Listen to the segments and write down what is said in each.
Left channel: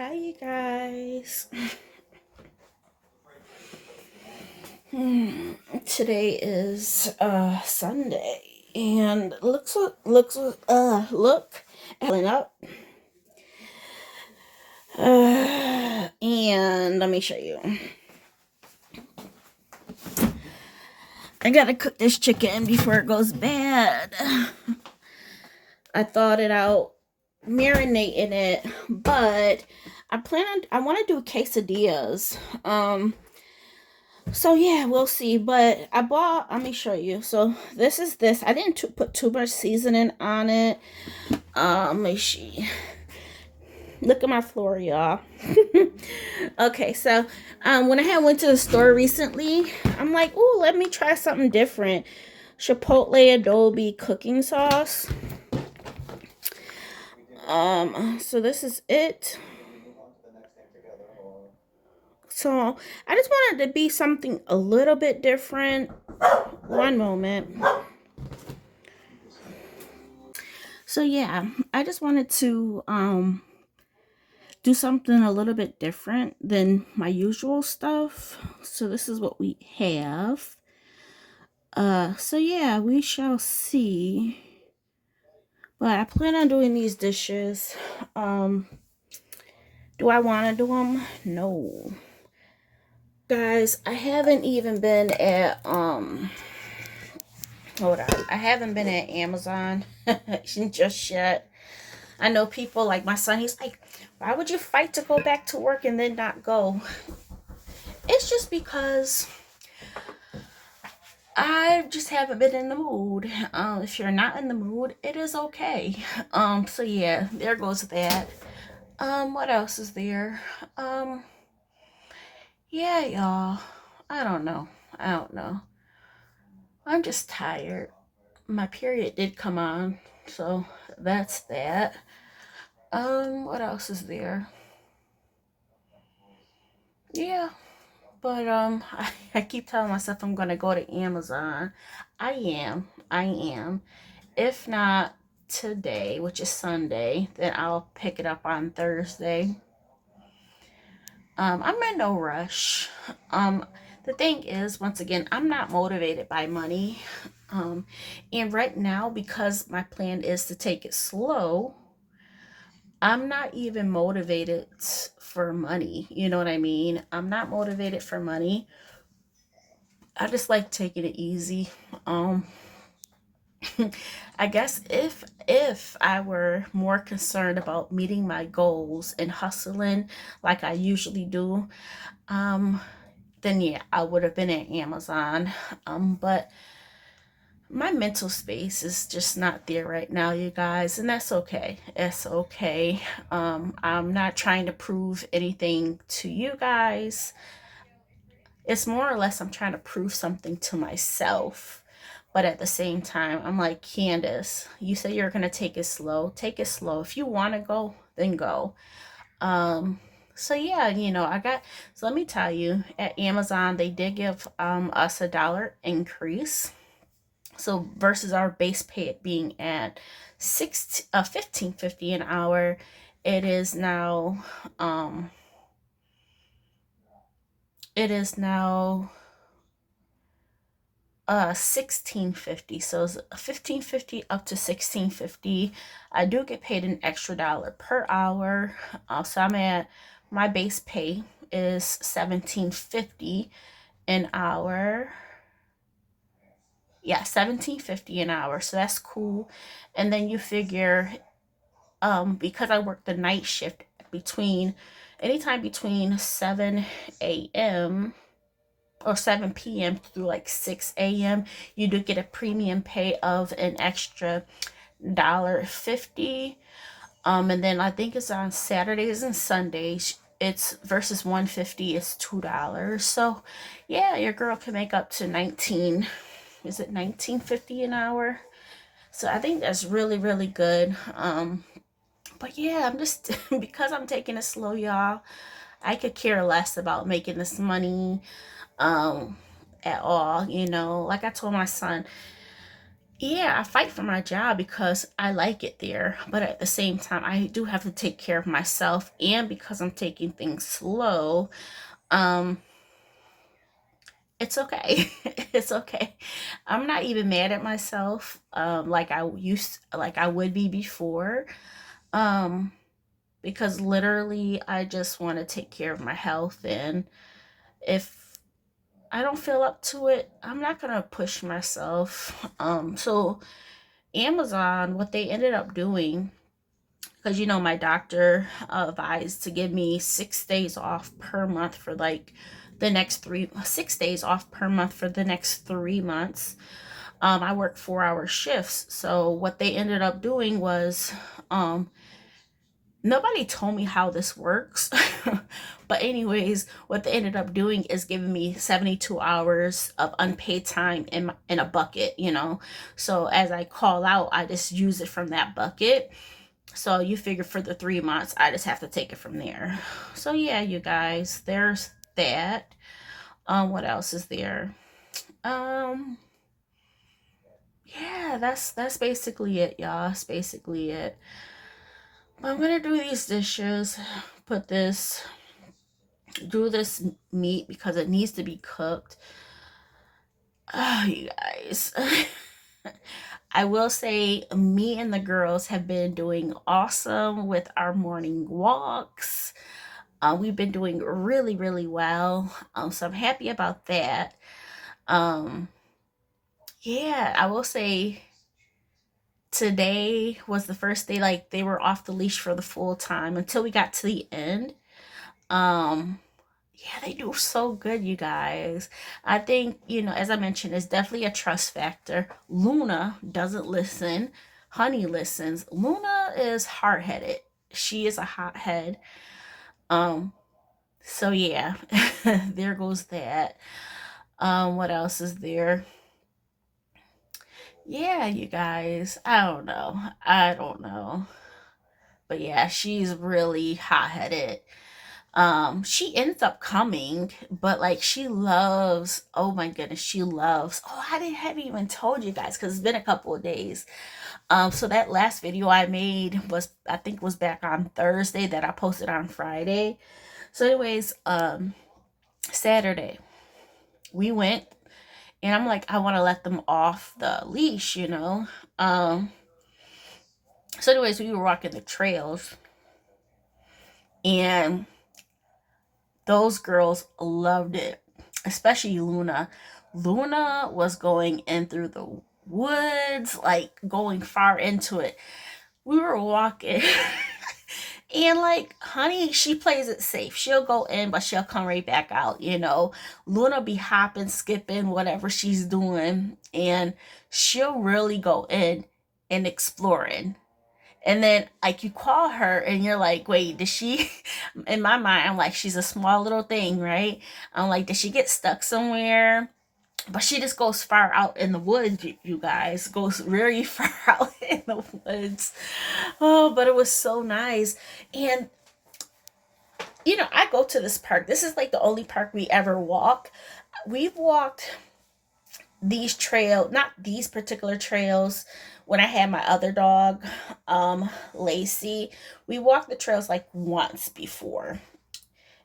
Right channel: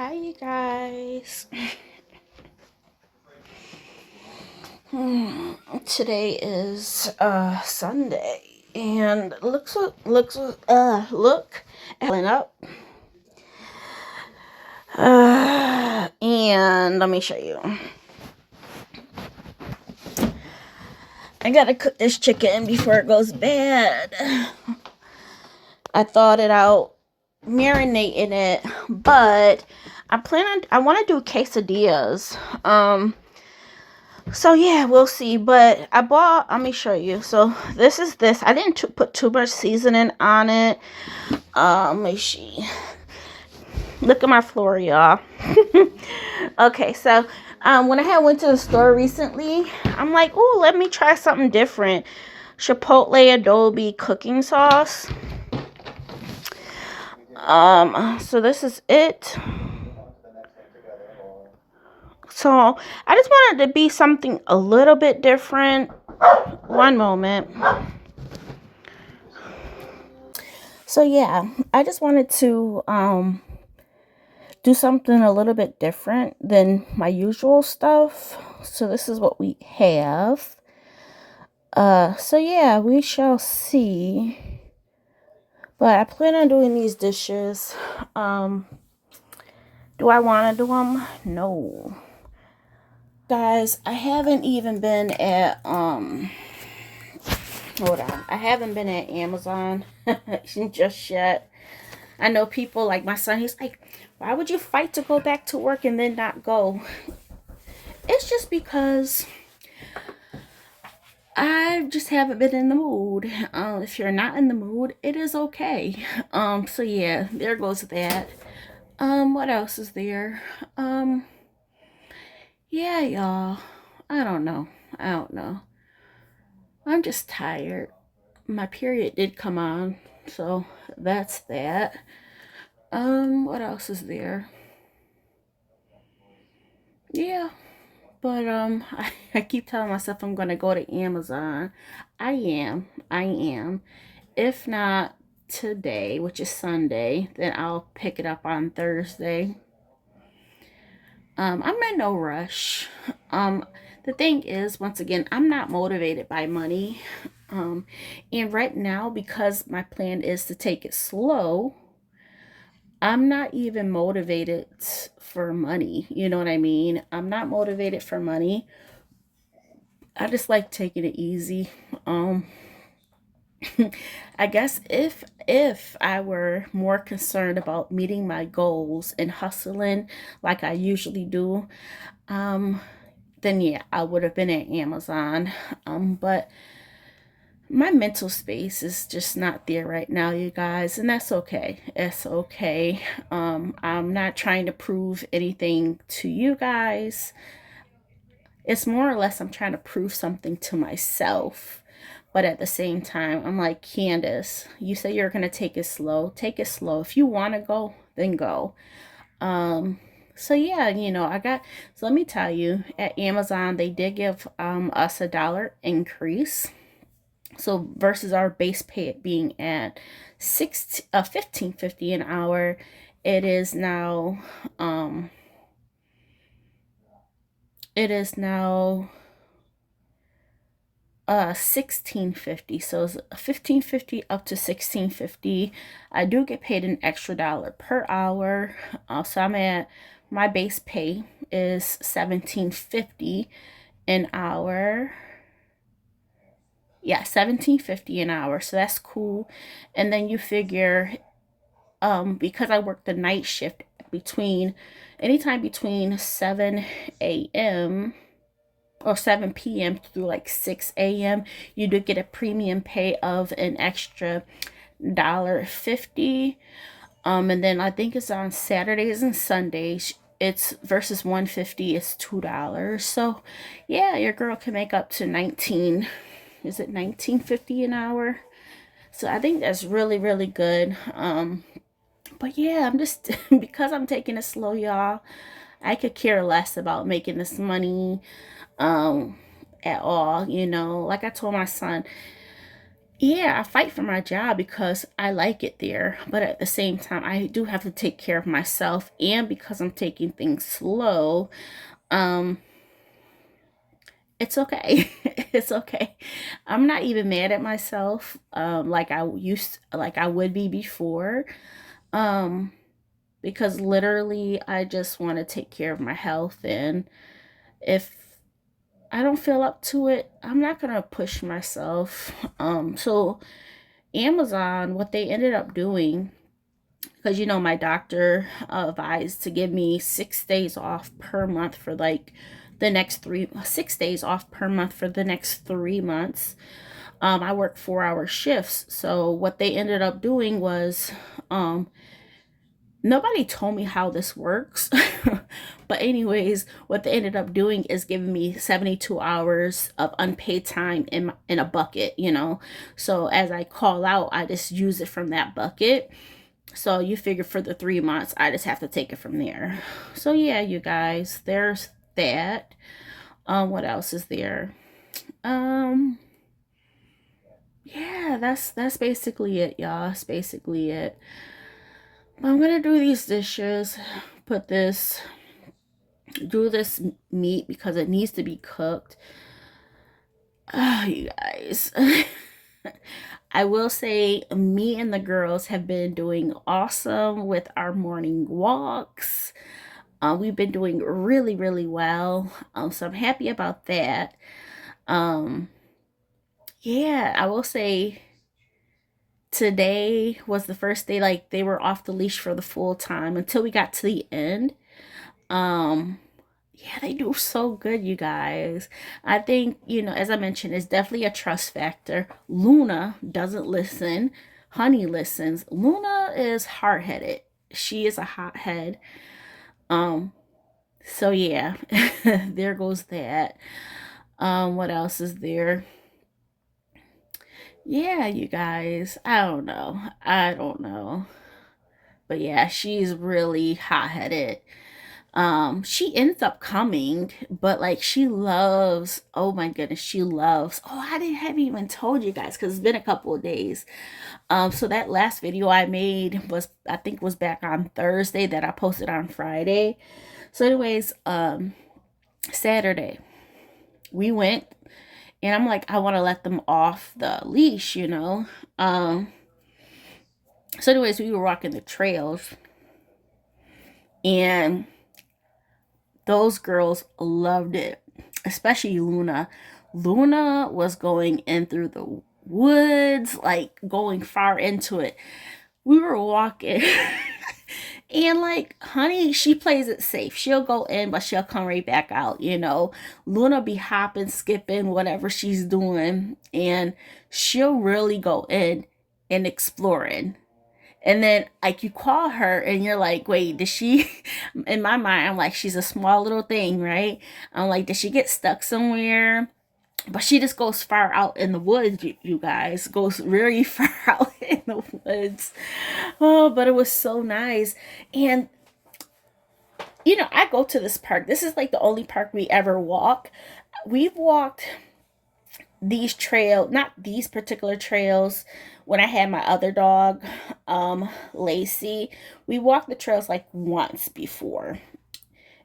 Hi, you guys. Today is Sunday, and look, up. And let me show you. I gotta cook this chicken before it goes bad. I thought it out, marinating it, but I want to do quesadillas. So yeah, we'll see. But I bought. Let me show you. So this is this. I didn't put too much seasoning on it. Let me see. Look at my floor, y'all. Okay, so when I had went to the store recently, I'm like, oh, let me try something different. Chipotle adobe cooking sauce. So this is it. So I just wanted to be something a little bit different. One moment. So yeah, I just wanted to do something a little bit different than my usual stuff. So this is what we have. So yeah, we shall see. But I plan on doing these dishes. Do I want to do them? No. Guys, I haven't even been at hold on. I haven't been at Amazon just yet. I know people like my son, he's like, why would you fight to go back to work and then not go? It's just because I just haven't been in the mood. If you're not in the mood, it is okay. So yeah, there goes that. What else is there? Yeah, y'all. I don't know. I don't know. I'm just tired. My period did come on, so that's that. What else is there? Yeah, but I keep telling myself I'm gonna go to Amazon. I am. If not today, which is Sunday, then I'll pick it up on Thursday. I'm in no rush. The thing is, once again, I'm not motivated by money. And right now, because my plan is to take it slow, I'm not even motivated for money. You know what I mean? I'm not motivated for money. I just like taking it easy. Um, I guess if I were more concerned about meeting my goals and hustling like I usually do, um, then yeah, I would have been at Amazon. But my mental space is just not there right now, you guys, and that's okay. It's okay. I'm not trying to prove anything to you guys. It's more or less I'm trying to prove something to myself. But at the same time, I'm like, Candace, you say you're gonna take it slow. Take it slow. If you wanna go, then go. Um, so yeah, I got so let me tell you, at Amazon they did give us $1 increase. So versus our base pay it being at 15.50 an hour, it is now um it is now 16.50. So it's 15.50 up to 16.50. I do get paid an extra dollar per hour. So I'm at my base pay is 17.50 an hour. Yeah, 17.50 an hour. So that's cool. And then you figure because I work the night shift between anytime between 7 a.m. or 7 p.m. through like 6 a.m., you do get a premium pay of an extra $1.50. And then I think it's on Saturdays and Sundays. It's versus 150 is $2. So yeah, your girl can make up to 19. Is it 19.50 an hour? So I think that's really, really good. But yeah, I'm just because I'm taking it slow, y'all. I could care less about making this money um at all. Like I told my son, Yeah, I fight for my job because I like it there, but at the same time, I do have to take care of myself, and because I'm taking things slow, um, it's okay. It's okay. I'm not even mad at myself, like I would be before, um, because literally I just want to take care of my health, and if I don't feel up to it, I'm not gonna push myself. So Amazon, what they ended up doing, because my doctor advised to give me 6 days off per month for like the next 6 days off per month for the next 3 months. I work 4 hour shifts. So what they ended up doing was, um, nobody told me how this works. But anyways, what they ended up doing is giving me 72 hours of unpaid time in a bucket. So as I call out, I just use it from that bucket. So you figure for the 3 months, I just have to take it from there. So yeah, you guys, there's that. What else is there? Um, yeah, that's basically it, y'all. That's basically it. But I'm gonna do these dishes, put this, do this meat because it needs to be cooked. Oh, you guys. I will say, me and the girls have been doing awesome with our morning walks. We've been doing really, really well. So I'm happy about that. Um, yeah, I will say today was the first day like they were off the leash for the full time until we got to the end. Um, yeah, they do so good, you guys. I think, as I mentioned, it's definitely a trust factor. Luna doesn't listen. Honey listens. Luna is hard headed. She is a hothead. Um, so yeah, there goes that. What else is there? Yeah, you guys. I don't know. I don't know. But yeah, she's really hot headed. She ends up coming, but like she loves, oh my goodness, she loves, oh, I didn't have even told you guys because it's been a couple of days. So that last video I made was, I think, was back on Thursday that I posted on Friday. So anyways, Saturday we went, and I'm like, I want to let them off the leash. Um, so anyways, we were walking the trails, and those girls loved it, especially Luna. Luna was going in through the woods, like going far into it. We were walking, and like, honey, she plays it safe. She'll go in, but she'll come right back out. Luna be hopping, skipping, whatever she's doing, and she'll really go in and exploring. And then like you call her and you're like, wait, did she in my mind, I'm like, she's a small little thing, right? I'm like, did she get stuck somewhere? But she just goes far out in the woods, you guys. Goes very far out in the woods. Oh, but it was so nice. And I go to this park. This is like the only park we ever walk. We've walked not these particular trails, when I had my other dog, Lacey. We walked the trails like once before,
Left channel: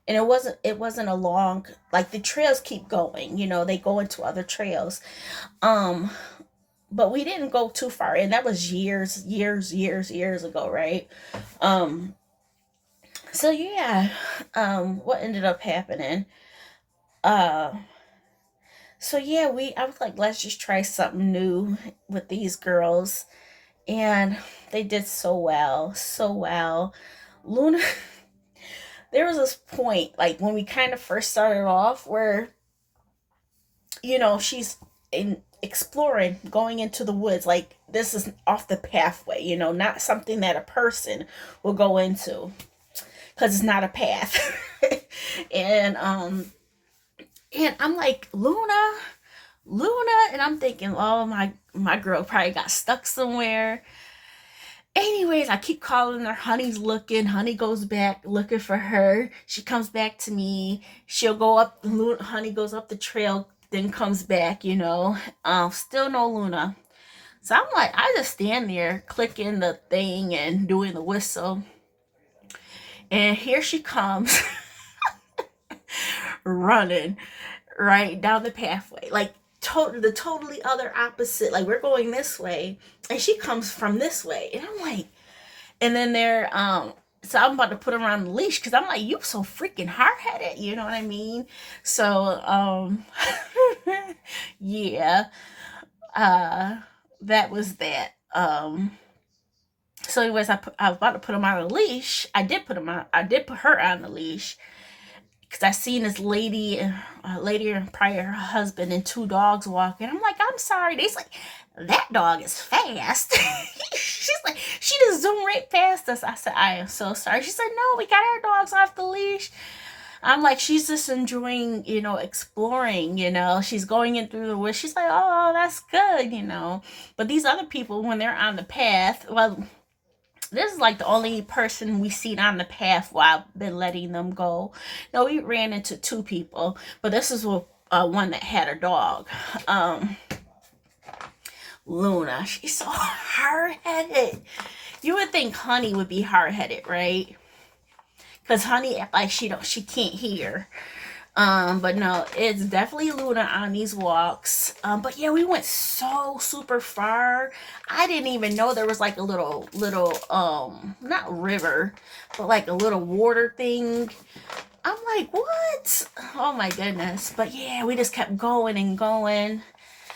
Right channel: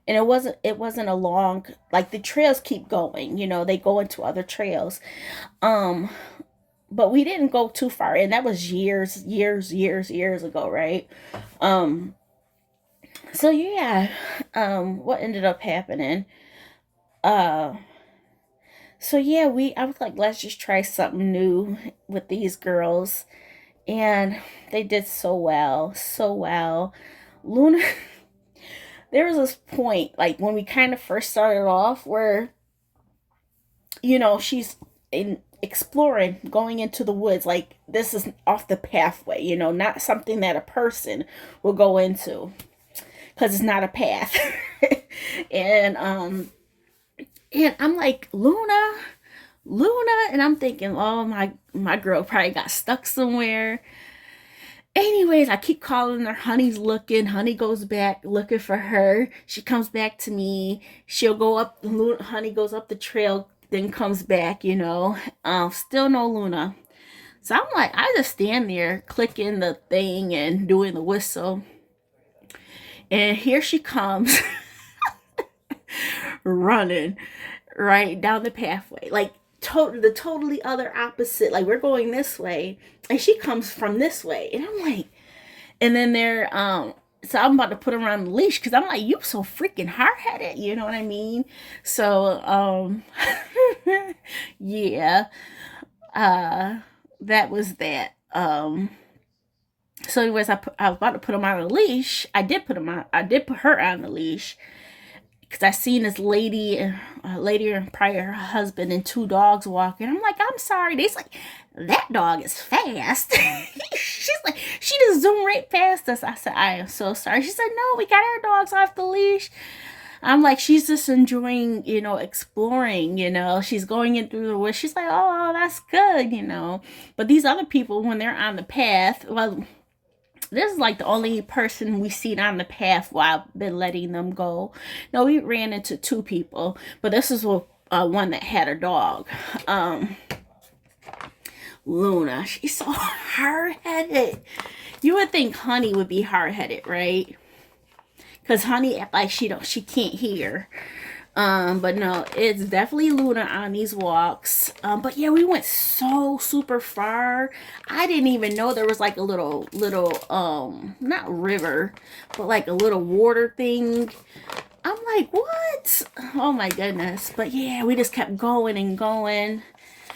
and it wasn't a long, like, the trails keep going, they go into other trails. um but we didn't go too far, and that was years ago, right? um so yeah. What ended up happening, uh so yeah, I was like, let's just try something new with these girls, and they did so well, so well. Luna, there was this point, like when we kind of first started off, where she's in exploring, going into the woods, like this is off the pathway, not something that a person will go into, because it's not a path. and and I'm like, Luna, and I'm thinking, oh, my girl probably got stuck somewhere. Anyways, I keep calling her. Honey's looking. Honey goes back looking for her. She comes back to me. She'll go up. Honey goes up the trail, then comes back. Still no Luna. So I'm like, I just stand there clicking the thing and doing the whistle. And here she comes running right down the pathway. Like the totally other opposite. Like we're going this way and she comes from this way. And I'm like, and then so I'm about to put her on the leash because I'm like, you so freaking hard headed, you know what I mean? So yeah, uh that was that. So anyways, I was about to put him on a leash. I did put her on the leash because I seen this lady, lady and probably her husband and two dogs walking. I'm like, I'm sorry. They's like, that dog is fast. She's like, she just zoomed right past us. I said, I am so sorry. She said, no, we got our dogs off the leash. I'm like, she's just enjoying, exploring, she's going in through the woods. She's like, oh, that's good. But these other people, when they're on the path, well, this is like the only person we seen on the path while I've been letting them go. No, we ran into two people, but this is one that had a dog. Luna, she's so hard headed. You would think Honey would be hard headed, right? Because Honey act like she can't hear. But no, it's definitely Luna on these walks. But yeah, we went so super far. I didn't even know there was like a little not river, but like a little water thing. I'm like, what? Oh my goodness. But yeah, we just kept going and going.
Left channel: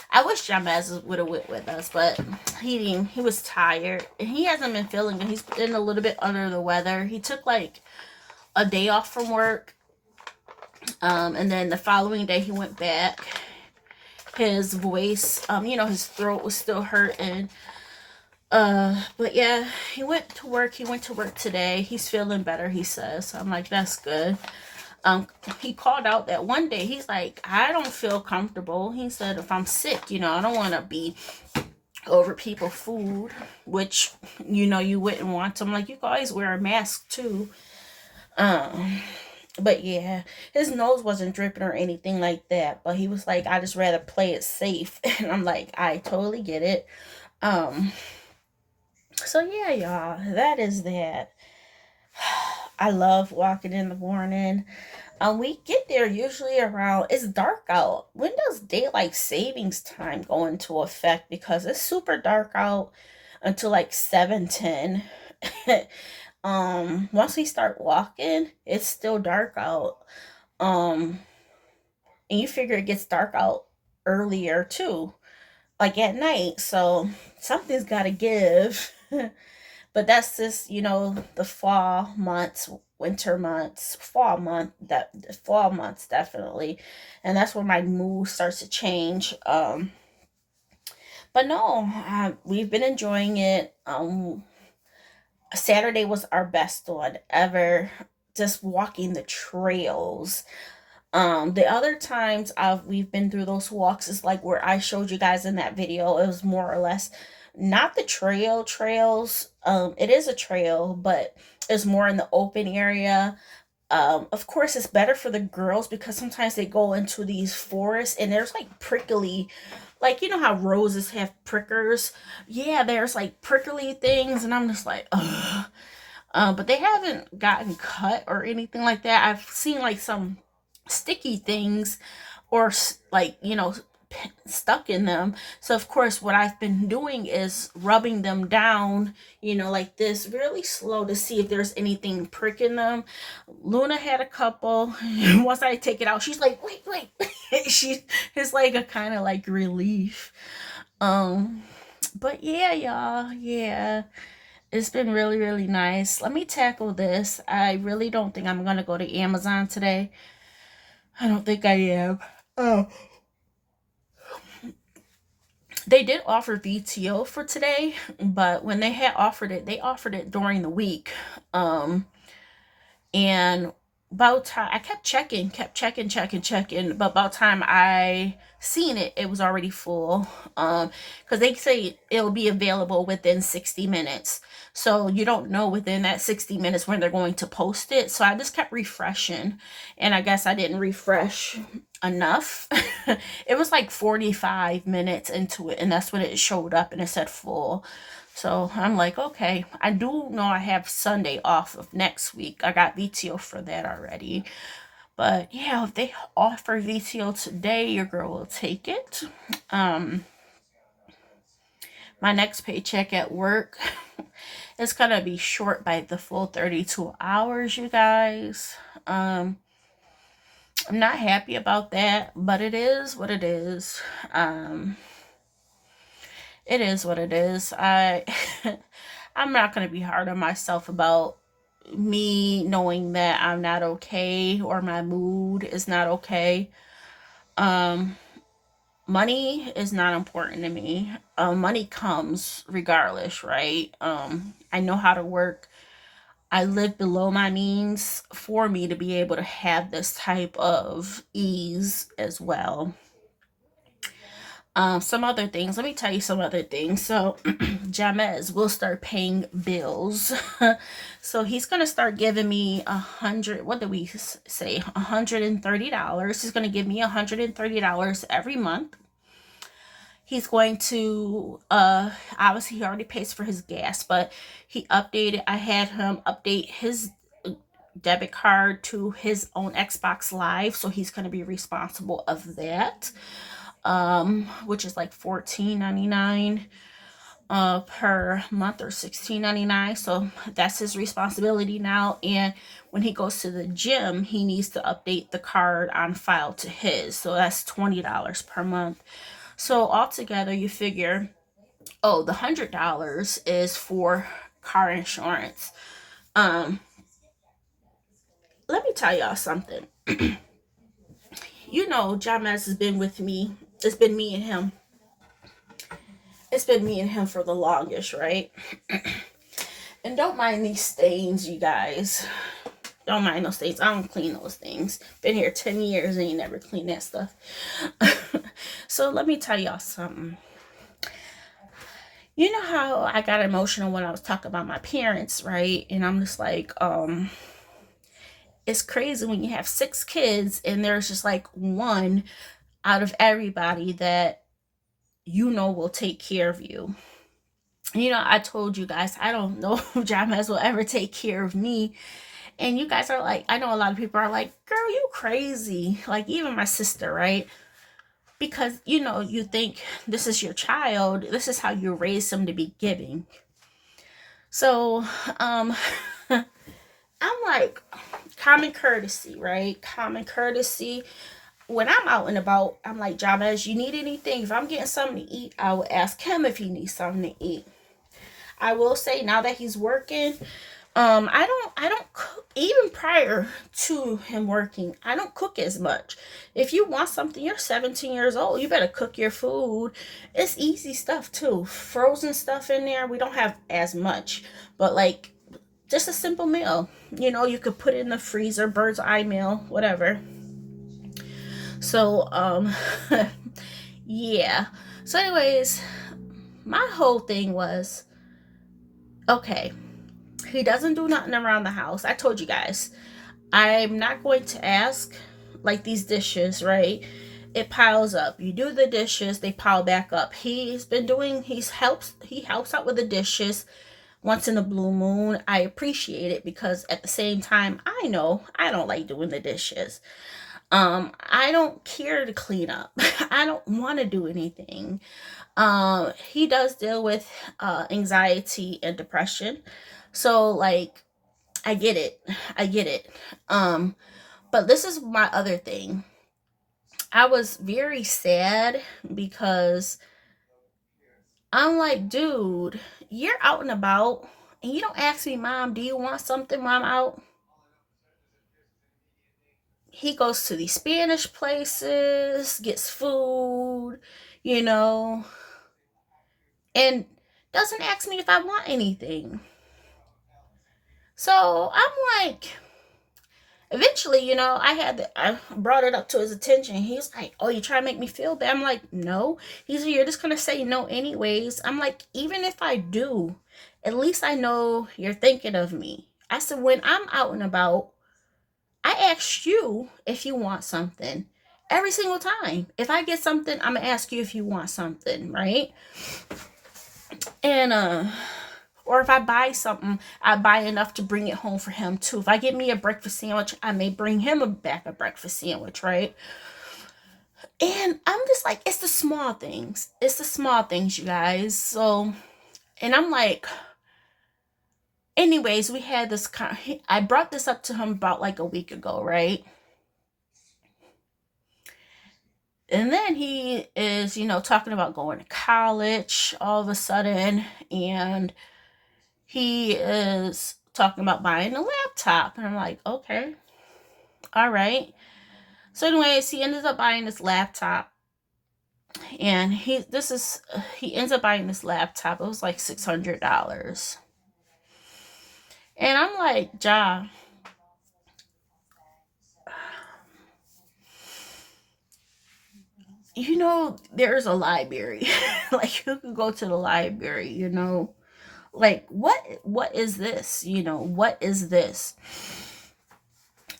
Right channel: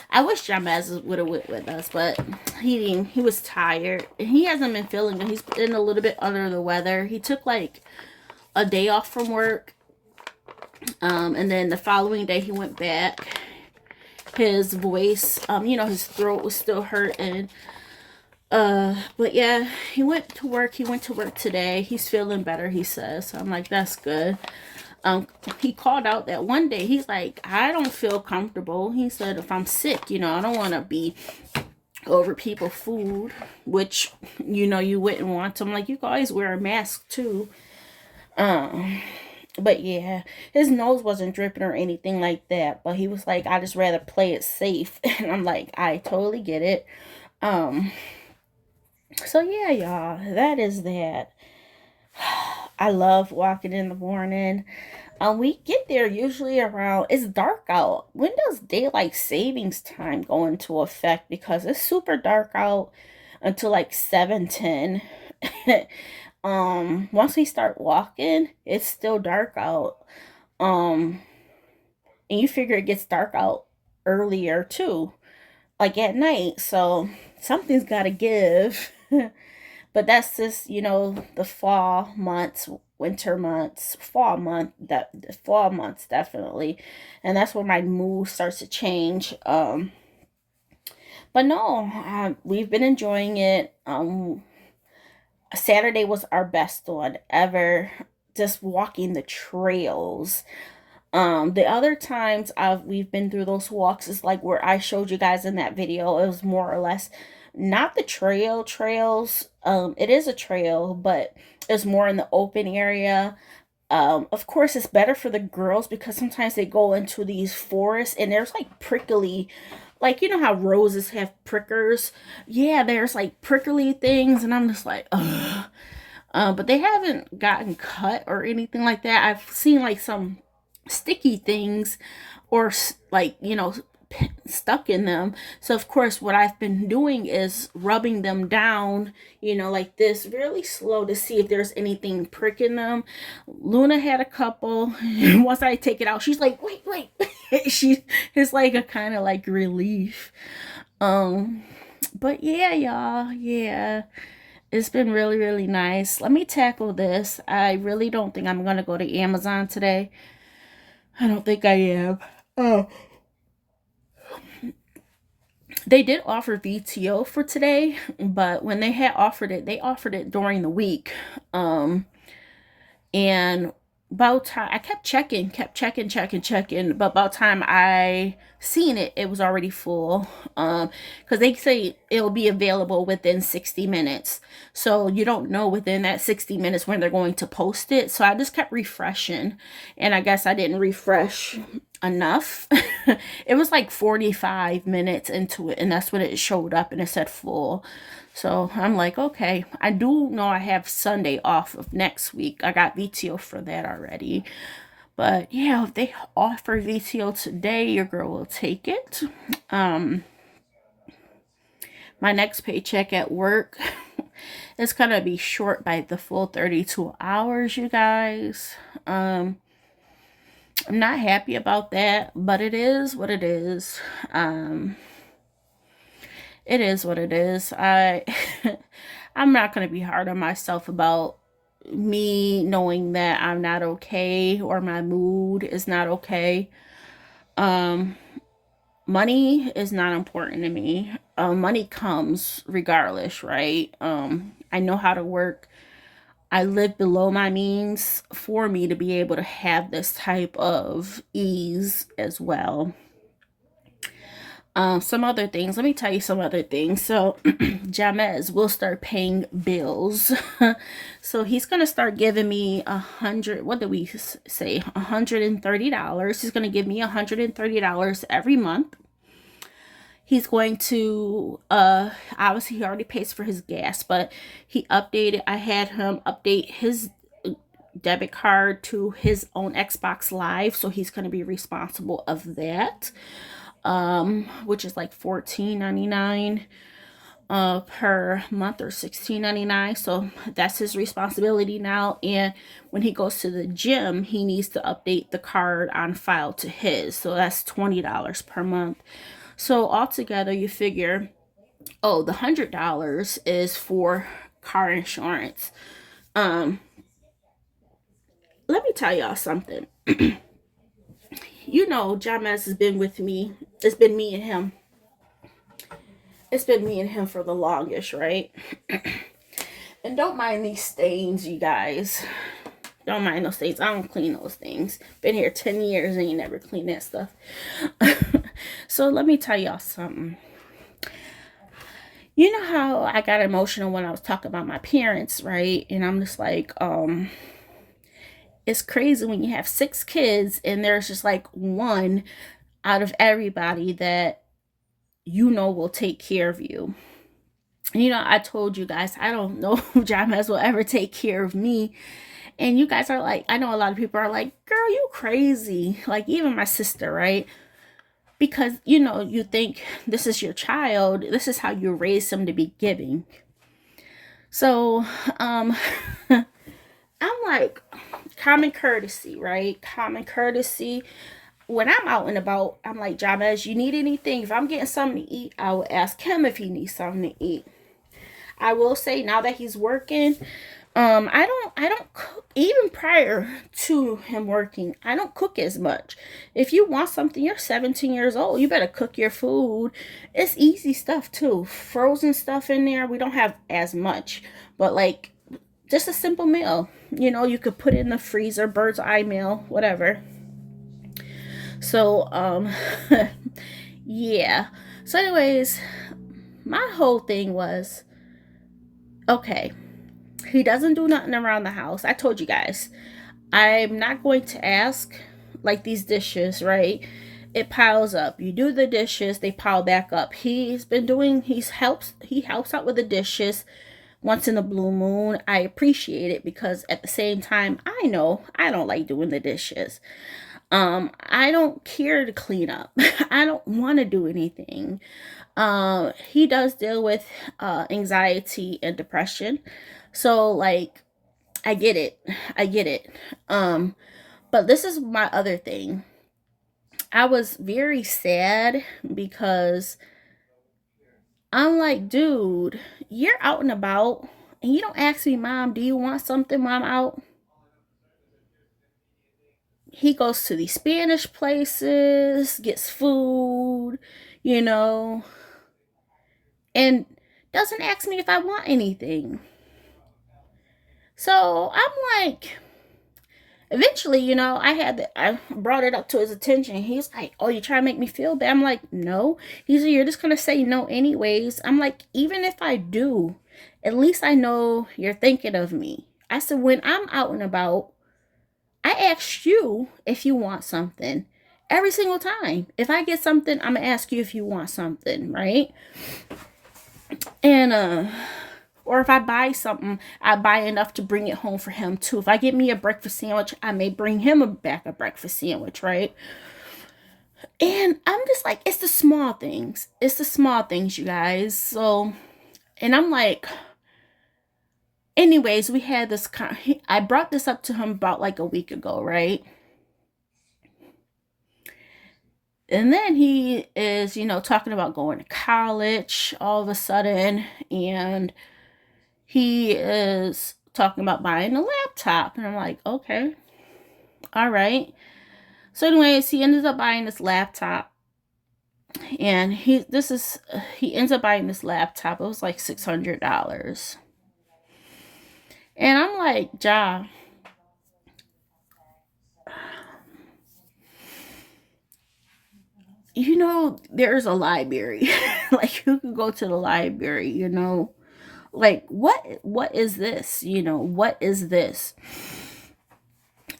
I wish Jamez would have went with us, but he was tired. And he hasn't been feeling good. He's been a little bit under the weather. He took like a day off from work. And then the following day he went back. His voice, his throat was still hurting. But yeah, he went to work. He went to work today. He's feeling better, he says. So I'm like, that's good. He called out that one day. He's like, I don't feel comfortable. He said, if I'm sick, I don't want to be over people's food, which, you wouldn't want to. I'm like, you can always wear a mask too. But yeah, his nose wasn't dripping or anything like that. But he was like, I just rather play it safe. And I'm like, I totally get it. So yeah, y'all, that is that. I love walking in the morning. We get there usually around, it's dark out. When does daylight savings time go into effect? Because it's super dark out until like 7:10. Once we start walking, it's still dark out. Um, and you figure it gets dark out earlier too, like at night. So something's got to give. But that's just, the fall months, winter months, fall months definitely. And that's where my mood starts to change. But no, we've been enjoying it. Saturday was our best one ever. Just walking the trails. The other times we've been through those walks is like where I showed you guys in that video. It was more or less not the trails. It is a trail, but it's more in the open area. Of course, it's better for the girls because sometimes they go into these forests and there's like prickly, like how roses have prickers. Yeah, there's like prickly things, and I'm just like, ugh. But they haven't gotten cut or anything like that. I've seen like some sticky things or like stuck in them. So of course what I've been doing is rubbing them down, like this, really slow to see if there's anything pricking them. Luna had a couple. Once I take it out, she's like, wait. It's like a kind of like relief. But yeah, y'all, yeah, it's been really, really nice. Let me tackle this. I really don't think I'm gonna go to Amazon today. I don't think I am. Oh. They did offer VTO for today, but when they had offered it, they offered it during the week. And about time I kept checking, but about time I seen it, it was already full. Because they say it'll be available within 60 minutes. So you don't know within that 60 minutes when they're going to post it. So I just kept refreshing. And I guess I didn't refresh enough. It was like 45 minutes into it, and that's when it showed up and it said full. So I'm like, okay, I do know I have Sunday off of next week. I got VTO for that already. But yeah, if they offer VTO today, your girl will take it. Um, my next paycheck at work is gonna be short by the full 32 hours, you guys. I'm not happy about that, but it is what it is. Um, it is what it is. I'm not gonna be hard on myself about me knowing that I'm not okay or my mood is not okay. Um, Money is not important to me. Money comes regardless, right? I know how to work. I live below my means for me to be able to have this type of ease as well. Some other things. Let me tell you some other things. So, Jamez will start paying bills. So he's gonna start giving me 100. What do we say? $130. He's gonna give me $130 every month. He's going to obviously he already pays for his gas, but he updated. I had him update his debit card to his own Xbox Live, so he's going to be responsible of that. Which is like $14.99 per month or $16.99. So that's his responsibility now. And when he goes to the gym, he needs to update the card on file to his. So that's $20 per month. So altogether, you figure, oh, the $100 is for car insurance. Um, Let me tell y'all something. You know, Jamez has been with me. It's been me and him. It's been me and him for the longest, right? And don't mind these stains, you guys. Don't mind those stains. I don't clean those things. Been here 10 years and ain't never cleaned that stuff. So let me tell y'all something. You know how I got emotional when I was talking about my parents, right? And I'm just like, it's crazy when you have 6 kids and there's just like one out of everybody that you know will take care of you. You know, I told you guys, I don't know if Jamez will ever take care of me. And you guys are like, I know a lot of people are like, girl, you crazy. Like, even my sister, right? Because, you know, you think this is your child, this is how you raise them to be giving. So, I'm like, common courtesy, right? Common courtesy. When I'm out and about, I'm like, Jabez, you need anything? If I'm getting something to eat, I will ask him if he needs something to eat. I will say now that he's working, I don't cook even prior to him working. I don't cook as much. If you want something, you're 17 years old. You better cook your food. It's easy stuff too. Frozen stuff in there. We don't have as much, but like just a simple meal. You know, you could put it in the freezer, bird's eye meal, whatever. So, yeah. So, anyways, my whole thing was okay, he doesn't do nothing around the house. I told you guys, I'm not going to ask like these dishes, right? It piles up. You do the dishes, they pile back up. He helps out with the dishes once in a blue moon. I appreciate it because at the same time, I know I don't like doing the dishes. I don't care to clean up. I don't want to do anything. He does deal with anxiety and depression. So like I get it. I get it. But this is my other thing. I was very sad because I'm like, dude, you're out and about and you don't ask me, Mom, do you want something while I'm out? He goes to these Spanish places, gets food, you know, and doesn't ask me if I want anything. So I'm like, eventually, you know, I brought it up to his attention. He was like, "Oh, you trying to make me feel bad?" I'm like, "No." He's like, "You're just gonna say no anyways." I'm like, "Even if I do, at least I know you're thinking of me." I said, "When I'm out and about, I asked you if you want something. Every single time. If I get something, I'm gonna ask you if you want something, right? And or if I buy something, I buy enough to bring it home for him too. If I get me a breakfast sandwich, I may bring him a breakfast sandwich, right? And I'm just like, it's the small things. It's the small things, you guys. So, and I'm like, anyways, we had this. I brought this up to him about like a week ago, right? And then he is, talking about going to college all of a sudden, and he is talking about buying a laptop. And I'm like, okay, all right. So, anyways, he ended up buying this laptop, and he ends up buying this laptop. It was like $600, and I'm like, Ja, there's a library. Like, you can go to the library, like what is this, what is this?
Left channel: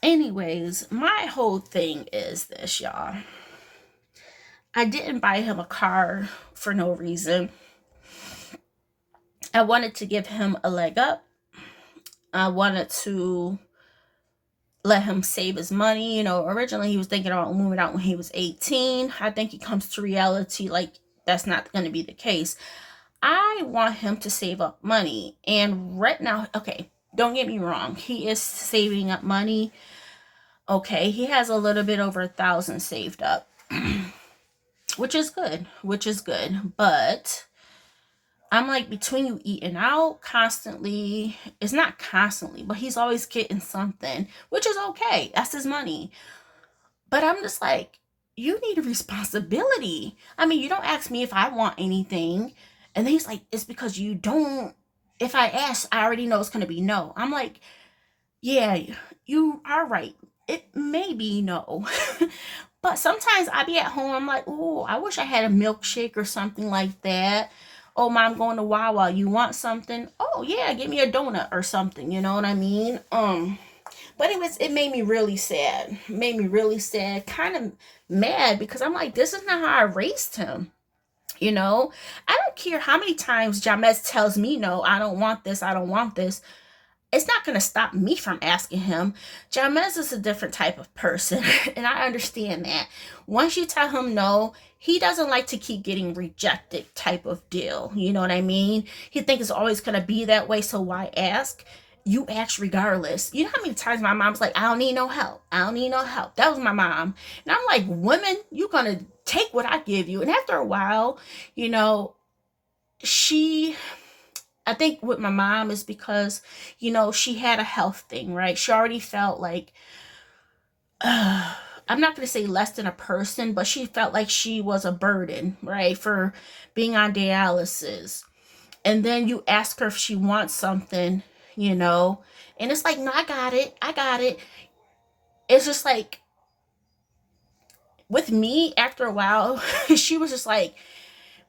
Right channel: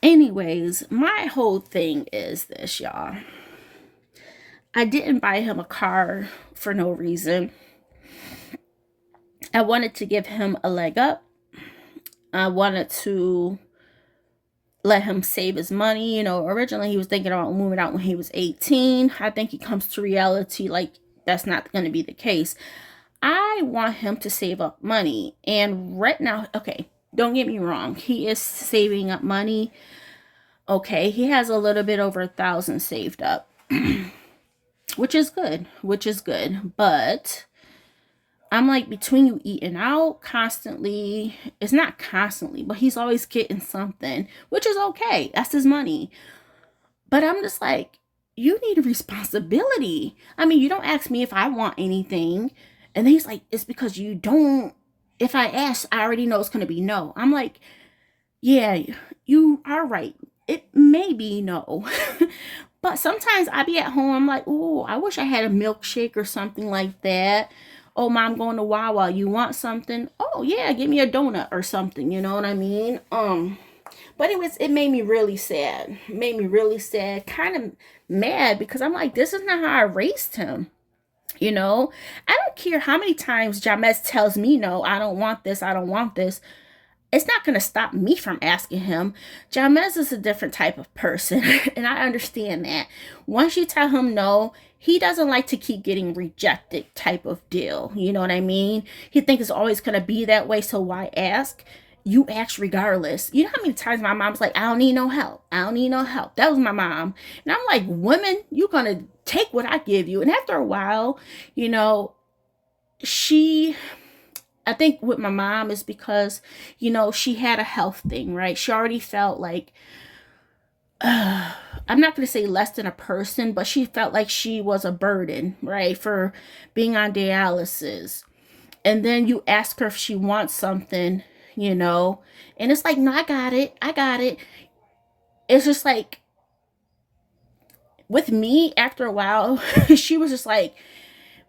Anyways, my whole thing is this, y'all. I didn't buy him a car for no reason. I wanted to give him a leg up. I wanted to let him save his money. Originally he was thinking about moving out when he was 18. I think he comes to reality like that's not going to be the case. I want him to save up money. And right now, okay, don't get me wrong, he is saving up money. Okay, he has a little bit over 1,000 saved up, which is good, But I'm like, between you eating out constantly, it's not constantly, but he's always getting something, which is okay. That's his money. But I'm just like, you need a responsibility. I mean, you don't ask me if I want anything. And then he's like, it's because you don't. If I ask, I already know it's going to be no. I'm like, yeah, you are right. It may be no. But sometimes I be at home, I'm like, oh, I wish I had a milkshake or something like that. Oh, mom, going to Wawa. You want something? Oh, yeah, give me a donut or something. You know what I mean? But it made me really sad. Made me really sad, kind of mad, because I'm like, this is not how I raised him. I don't care how many times Jamez tells me no, I don't want this, I don't want this. It's not going to stop me from asking him. Jamez is a different type of person, and I understand that. Once you tell him no, he doesn't like to keep getting rejected type of deal. You know what I mean? He thinks it's always going to be that way, so why ask? You ask regardless. You know how many times my mom's like, I don't need no help. I don't need no help. That was my mom. And I'm like, women, you're going to take what I give you. And after a while, you know, she I think with my mom is because, she had a health thing, right? She already felt like, I'm not going to say less than a person, but she felt like she was a burden, right? For being on dialysis. And then you ask her if she wants something, and it's like, no, I got it. I got it. It's just like, with me, after a while, she was just like,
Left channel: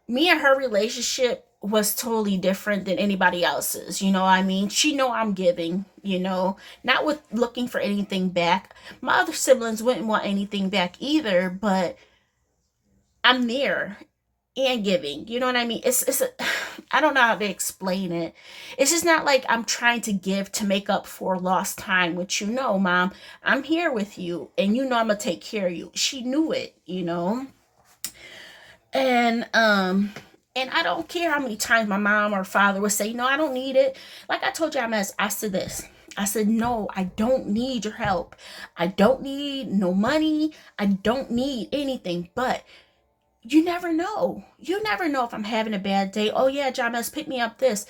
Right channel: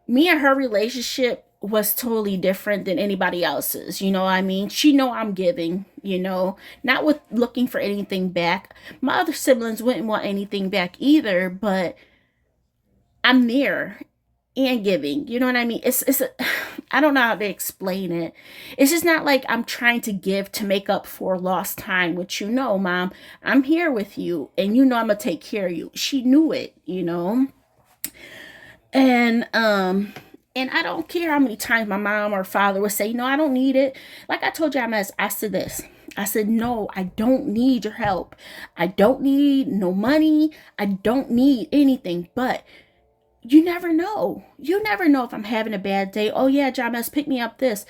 me and her relationship was totally different than anybody else's. You know what I mean? She know I'm giving, not with looking for anything back. My other siblings wouldn't want anything back either, but I'm there and giving. You know what I mean? It's a I don't know how to explain it. It's just not like I'm trying to give to make up for lost time, which mom, I'm here with you and I'm gonna take care of you. She knew it. And I don't care how many times my mom or father would say, no, I don't need it. Like I told you, I said this. I said, no, I don't need your help. I don't need no money. I don't need anything. But you never know. You never know if I'm having a bad day. Oh yeah, James, pick me up this.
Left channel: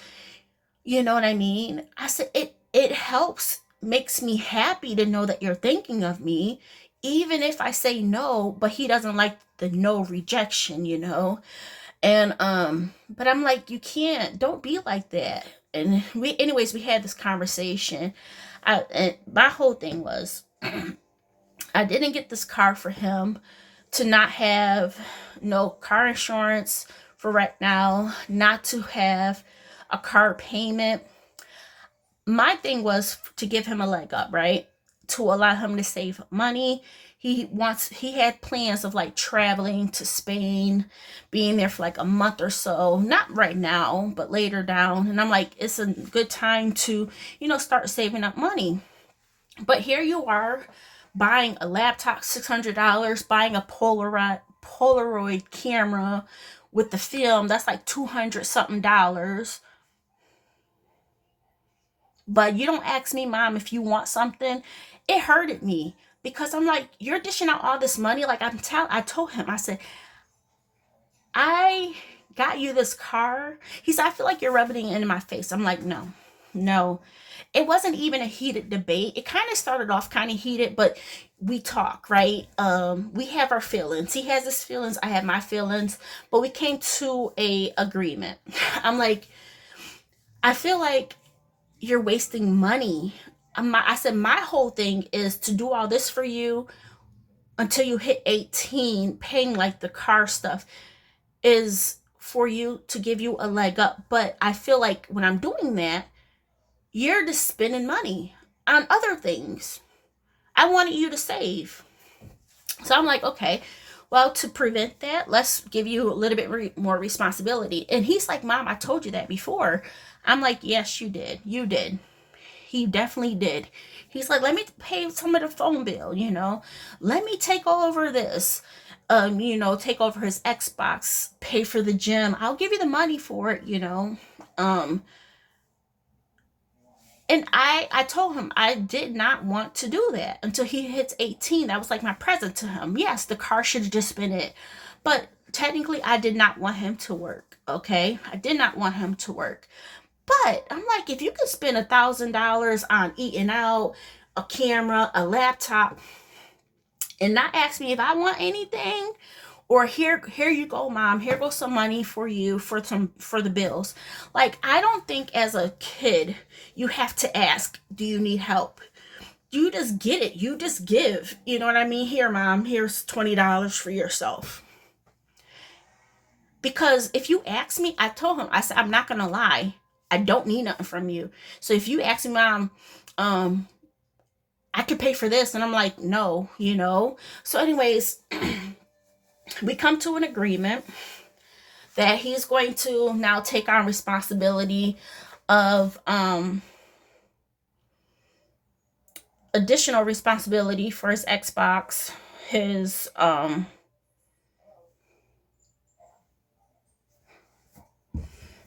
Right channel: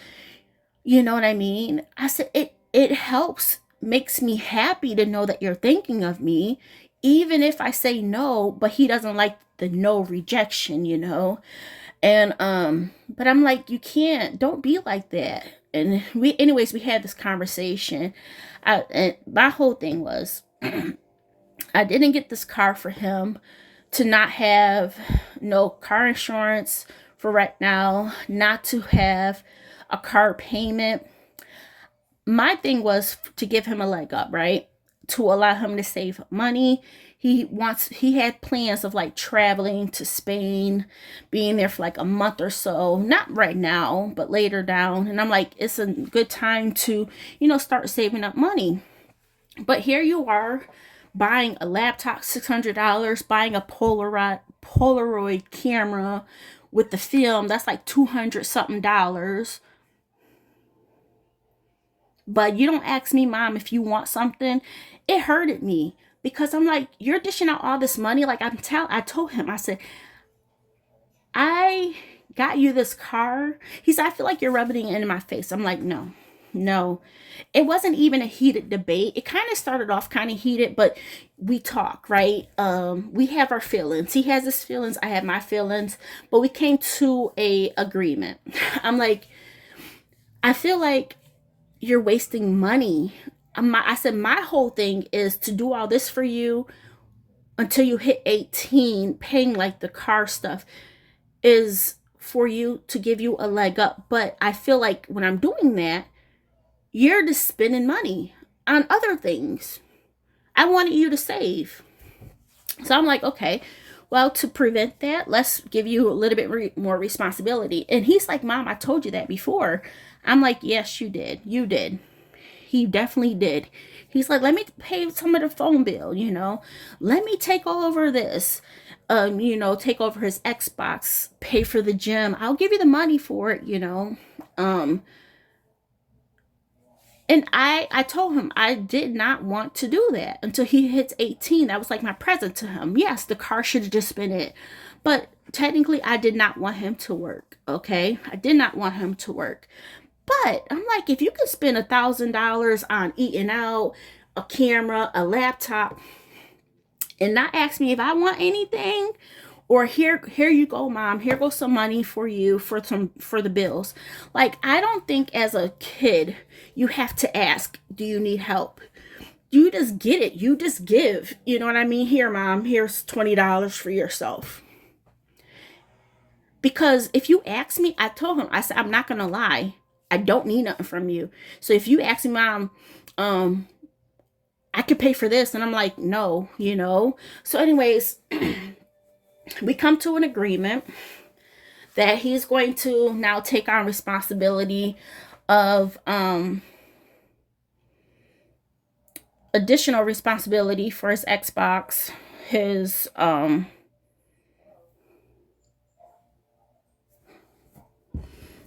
You know what I mean? I said it helps, makes me happy to know that you're thinking of me, even if I say no, but he doesn't like the no rejection. And but I'm like, don't be like that. And we had this conversation. And my whole thing was, I didn't get this car for him to not have no car insurance for right now, not to have a car payment. My thing was to give him a leg up, right? to allow him to save money. He had plans of like traveling to Spain, being there for like a month or so. Not right now, but later down. And I'm like, it's a good time to, start saving up money. But here you are buying a laptop, $600, buying a Polaroid camera with the film, that's like 200 something dollars. But you don't ask me, Mom, if you want something. It hurted me because I'm like, you're dishing out all this money. Like I told him, I said, I got you this car. He said, I feel like you're rubbing it in my face. I'm like, no, no. It wasn't even a heated debate. It kind of started off kind of heated, but we talk, right? We have our feelings. He has his feelings, I have my feelings, but we came to a agreement. I'm like, I feel like you're wasting money. I said, my whole thing is to do all this for you until you hit 18, paying like the car stuff is for you to give you a leg up. But I feel like when I'm doing that, you're just spending money on other things. I wanted you to save. So I'm like, okay, well, to prevent that, let's give you a little bit more responsibility. And he's like, Mom, I told you that before. I'm like, yes, you did. You did. He definitely did. He's like, let me pay some of the phone bill, Let me take over this. Take over his Xbox, pay for the gym. I'll give you the money for it. And I told him I did not want to do that until he hits 18. That was like my present to him. Yes, the car should have just been it. But technically, I did not want him to work. Okay? I did not want him to work. But I'm like, if you could spend $1,000 on eating out, a camera, a laptop, and not ask me if I want anything, or here you go, Mom, here goes some money for you for the bills. Like, I don't think as a kid you have to ask, do you need help? You just get it. You just give. You know what I mean? Here, Mom, here's $20 for yourself. Because if you ask me, I told him, I said, I'm not gonna lie, I don't need nothing from you. So if you ask me, Mom, I could pay for this, and I'm like, no, So anyways, we come to an agreement that he's going to now take on responsibility of additional responsibility for his Xbox, his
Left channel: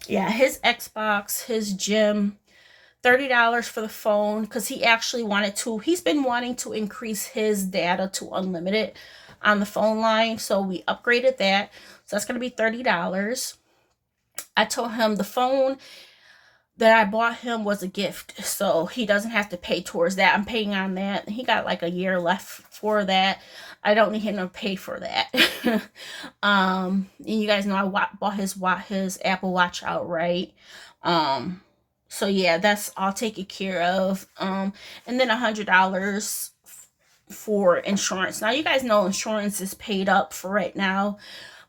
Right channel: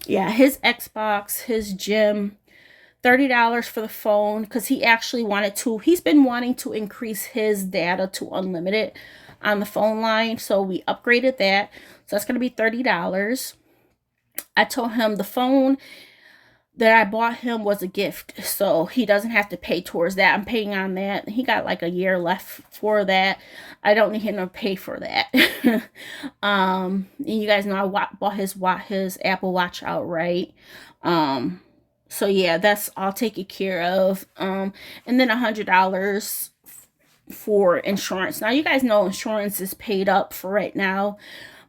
his Xbox, his gym, $30 for the phone, because he actually he's been wanting to increase his data to unlimited on the phone line, so we upgraded that. So that's going to be $30. I told him the phone that I bought him was a gift, so he doesn't have to pay towards that. I'm paying on that. He got like a year left for that. I don't need him to pay for that. And you guys know I bought his Apple Watch outright. So yeah, that's all taken care of. And then $100 for insurance. Now you guys know insurance is paid up for right now,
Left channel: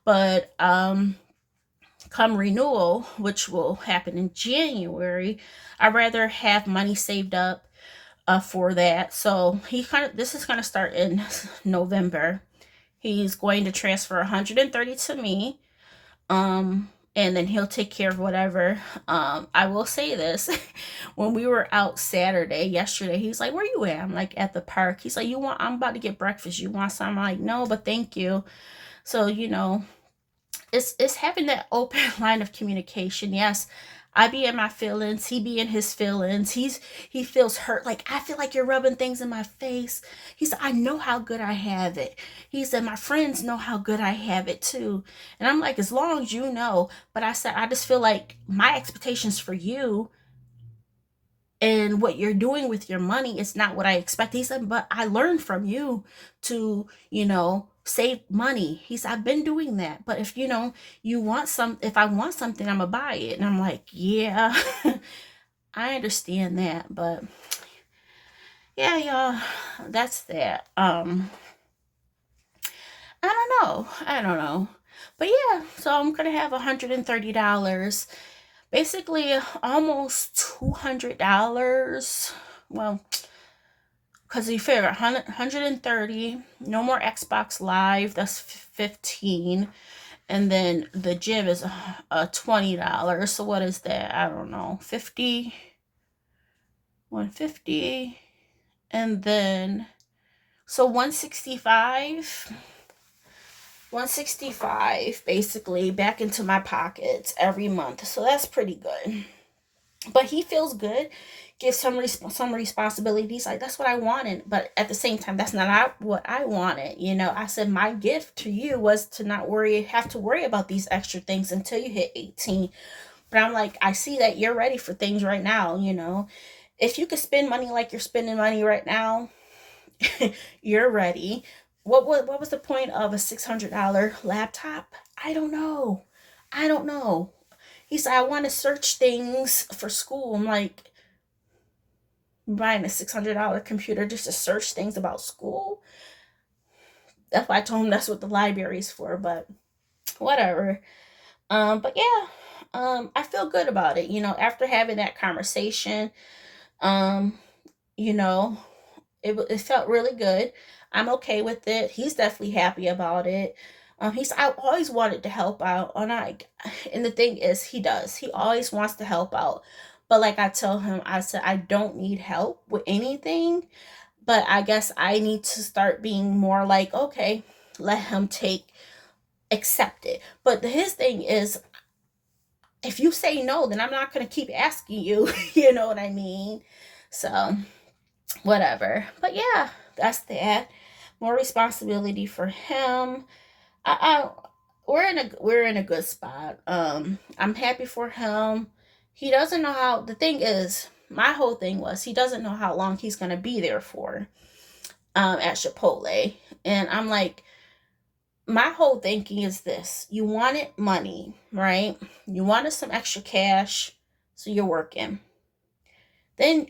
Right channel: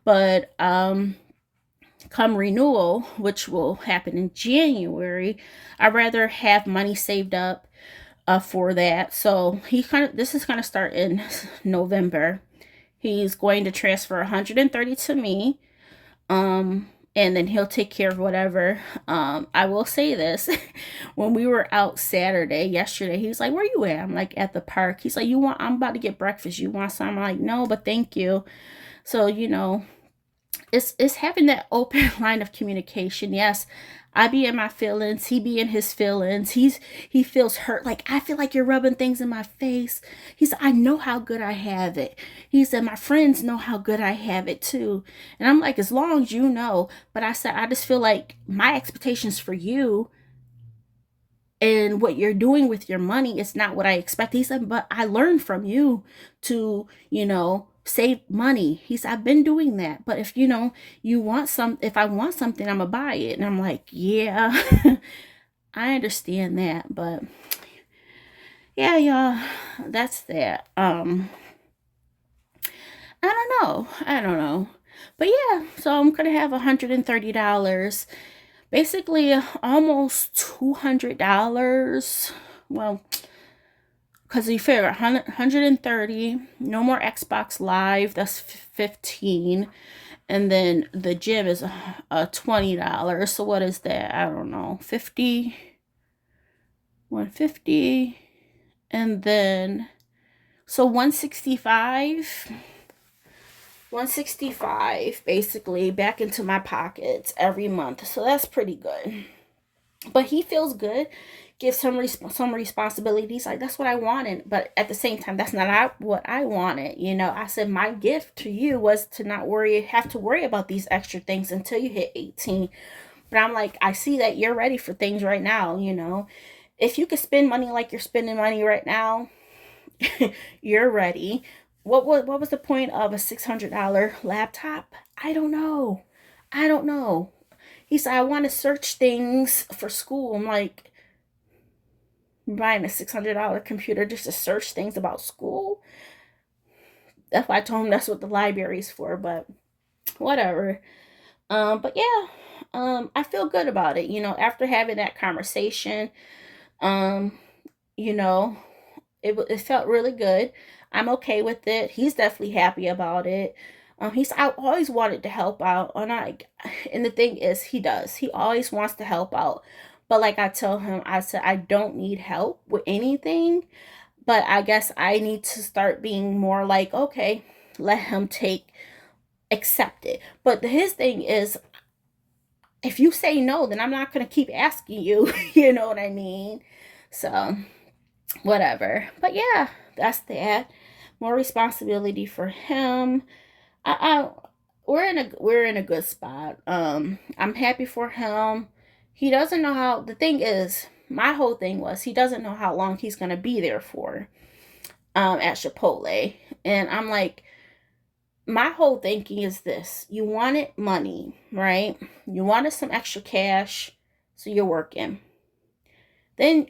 but come renewal, which will happen in January, I'd rather have money saved up for that. So this is gonna start in November. He's going to transfer 130 to me. And then he'll take care of whatever. I will say this. When we were out yesterday, he's like, where you at? I'm like, at the park. He's like, I'm about to get breakfast. You want some? I'm like, no, but thank you. So, it's having that open line of communication. Yes, I be in my feelings, he be in his feelings. He feels hurt. Like, I feel like you're rubbing things in my face. He said, I know how good I have it. He said, my friends know how good I have it too. And I'm like, as long as you know. But I said, I just feel like my expectations for you and what you're doing with your money is not what I expect. He said, but I learned from you to, save money. He said, I've been doing that. But if if I want something, I'm gonna buy it. And I'm like, yeah, I understand that. But yeah, y'all, that's that. I don't know. But yeah, so I'm gonna have $130. Basically almost $200. Well, because you figure 130, no more Xbox Live, that's 15. And then the gym is $20. So what is that? I don't know. 150. And then so 165 basically back into my pockets every month. So that's pretty good. But he feels good, gives him some responsibilities. Like, that's what I wanted. But at the same time, that's not what I wanted. You know, I said my gift to you was to not have to worry about these extra things until you hit 18. But I'm like, I see that you're ready for things right now. You know, if you could spend money like you're spending money right now, you're ready. What was the point of a $600 laptop? I don't know. I don't know. He said, I want to search things for school. I'm like, buying a $600 computer just to search things about school? That's why I told him that's what the library's for, but whatever. But yeah, I feel good about it. You know, after having that conversation, um, you know, it felt really good. I'm okay with it. He's definitely happy about it. I always wanted to help out, and the thing is, he does. He always wants to help out, but like I tell him, I said I don't need help with anything, but I guess I need to start being more like, okay, let him accept it. But his thing is, if you say no, then I'm not gonna keep asking you. You know what I mean? So whatever. But yeah, that's that. More responsibility for him. I we're in a good spot. I'm happy for him. He doesn't know how. The thing is, my whole thing was he doesn't know how long he's gonna be there for. At Chipotle, and I'm like, my whole thinking is this: you wanted money, right? You wanted some extra cash, so you're working. Then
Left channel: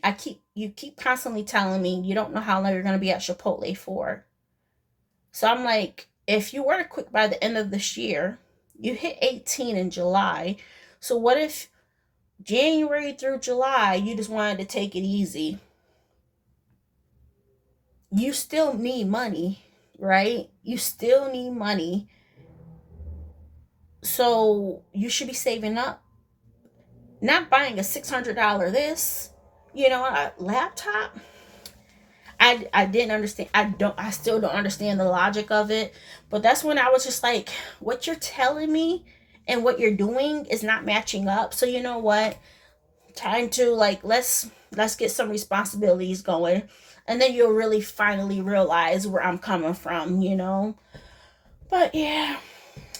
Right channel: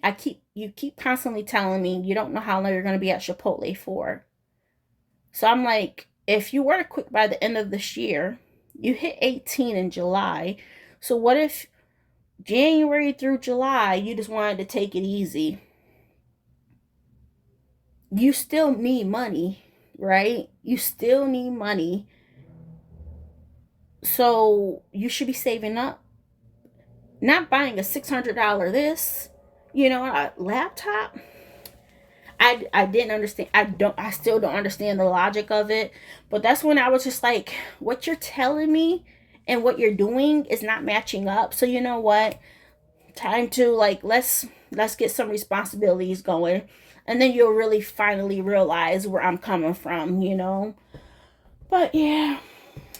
you keep constantly telling me you don't know how long you're gonna be at Chipotle for. So I'm like, if you were to quit by the end of this year, you hit 18 in July. So what if January through July you just wanted to take it easy? You still need money, right? You still need money. So you should be saving up, not buying a $600 this, a laptop. I didn't understand. I still don't understand the logic of it. But that's when I was just like, what you're telling me and what you're doing is not matching up. So you know what? Time to, like, let's get some responsibilities going. And then you'll really finally realize where I'm coming from. But yeah,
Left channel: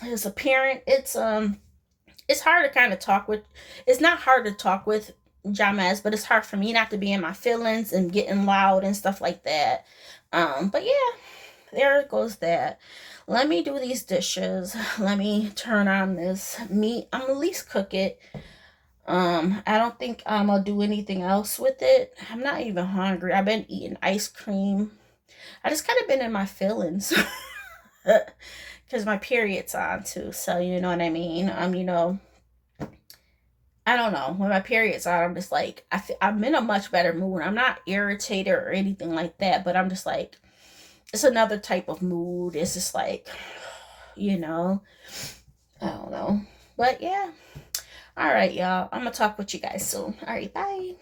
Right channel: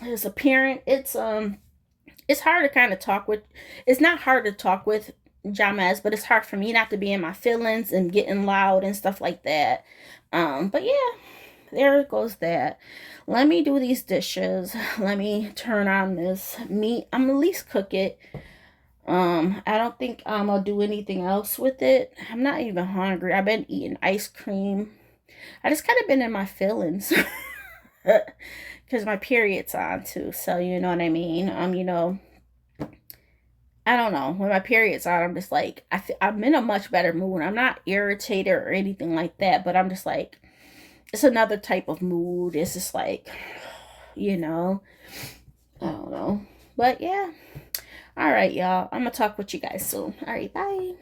as a parent, it's hard to kind of talk with. It's not hard to talk with Jamez, but it's hard for me not to be in my feelings and getting loud and stuff like that. But yeah, there goes that. Let me do these dishes. Let me turn on this meat. I'm at least cook it. I don't think I'll do anything else with it. I'm not even hungry. I've been eating ice cream. I just kind of been in my feelings because my period's on too. So you know what I mean. I don't know. When my period's on, I'm just like, I'm in a much better mood. I'm not irritated or anything like that, but I'm just like, it's another type of mood. It's just like, you know, I don't know. But yeah. All right, y'all. I'm going to talk with you guys soon. All right, bye.